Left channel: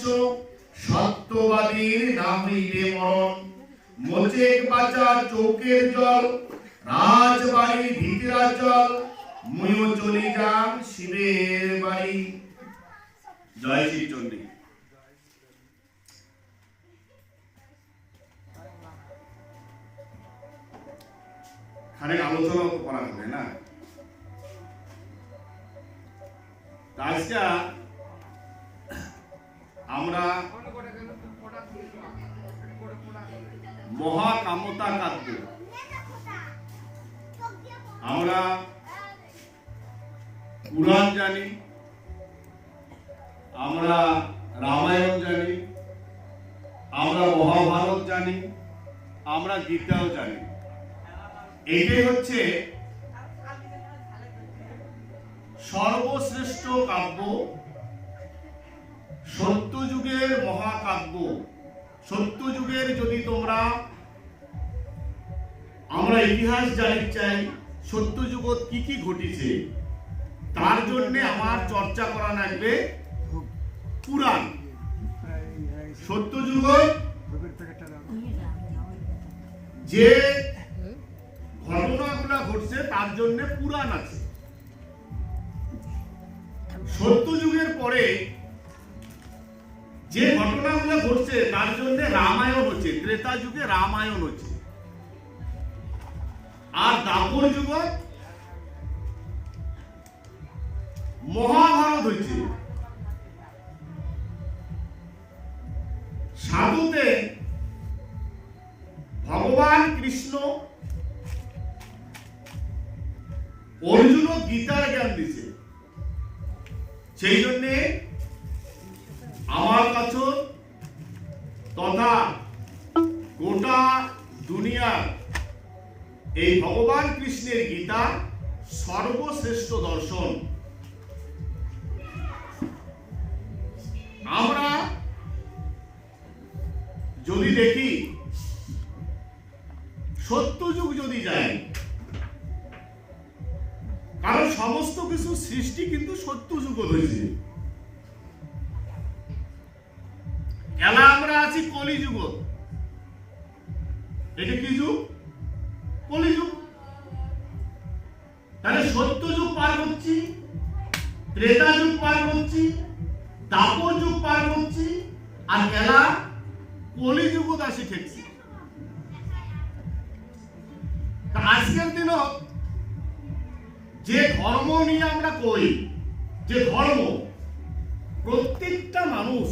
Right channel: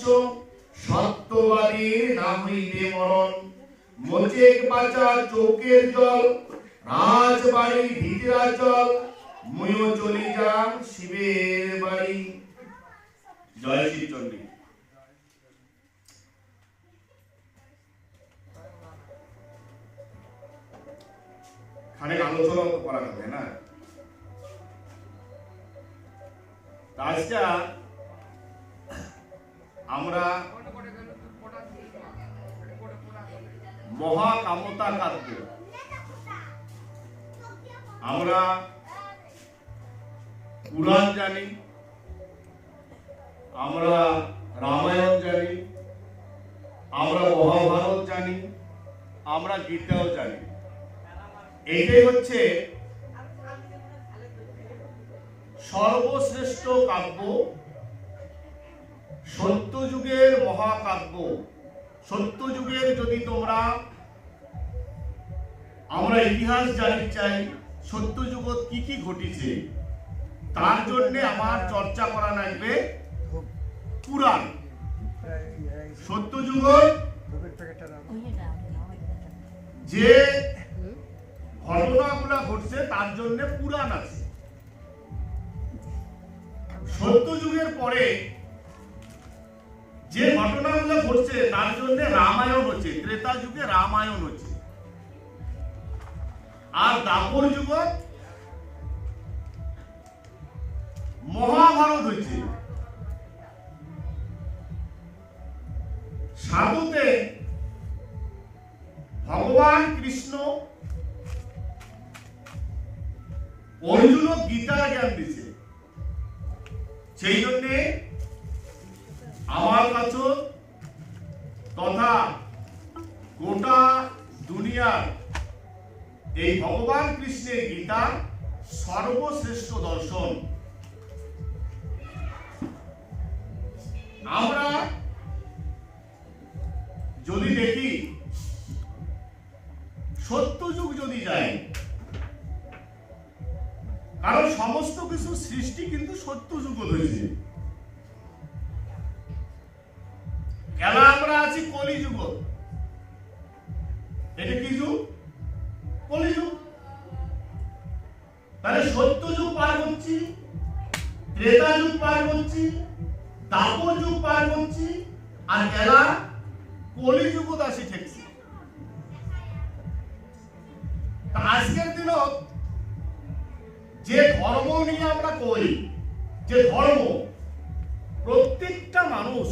মৎস্য সত্যবাদীর না হইলে মরণ। মোচেক বাঁচা চৌকের জল, রাজবাড়ি ভিতরা জল, মুয়ো চলি যাম শিবের বাড়ি। জয় শিব চন্ডী। খানিক আলোচনা করা যাবে না? আজকে আমরা মহাকামতা কাব্য, আমরা পুরাণ জানি, আমরা রামায়ণ জানি, আমরা মহাভারত জানি, আমরা গীতাও জানি। এটাই হচ্ছে সর্বশ্রেষ্ঠ কাব্য, সত্যযুগের মহাকাব্য। সত্যযুগের যদি আমরা ইতিহাস জানতে চাই, সত্যযুগত কি কি ঘটেছে, তার জন্য আমার চর্চা করা লাগবে পুরাণ। সত্যযুগ যে ঘটনাগুলো ঘটছে তার জন্য পুরাণ আছে। সত্যযুগের পরে যে ঘটনাগুলো ঘটছে তার জন্য রামায়ণ হচ্ছে, ত্রেতা যুগে রামায়ণ হচ্ছে, আর দ্বাপর যুগ মহাভারত হয়েছে। সাধুতে ভগবান কৃষ্ণ অর্জুন গীতার জ্ঞান দিচ্ছে। সেই জন্য আমার কাছে তথা গোটা দুনিয়ার এই ভগবান কৃষ্ণের গীতা সর্বশ্রেষ্ঠ দর্শন। আমরা যদি দেখি সত্যযুগ যদি যায়, কারণ সমস্ত কিছু সৃষ্টি কিন্তু সত্যযুগ হয়েছে। এলা আমরা আছি কলিযুগ। এটা কি যুগ? কলিযুগ। তাহলে সত্যযুগ পার করছি, ত্রেতা যুগ পার করছি, দ্বাপর যুগ পার করছি, আর এলা কলিযুগ আসি ঠেকছি। আজকের দিনত যে ধর্ম নিয়ে আমরা কই, যে ধর্ম প্রত্যেকটা মানুষ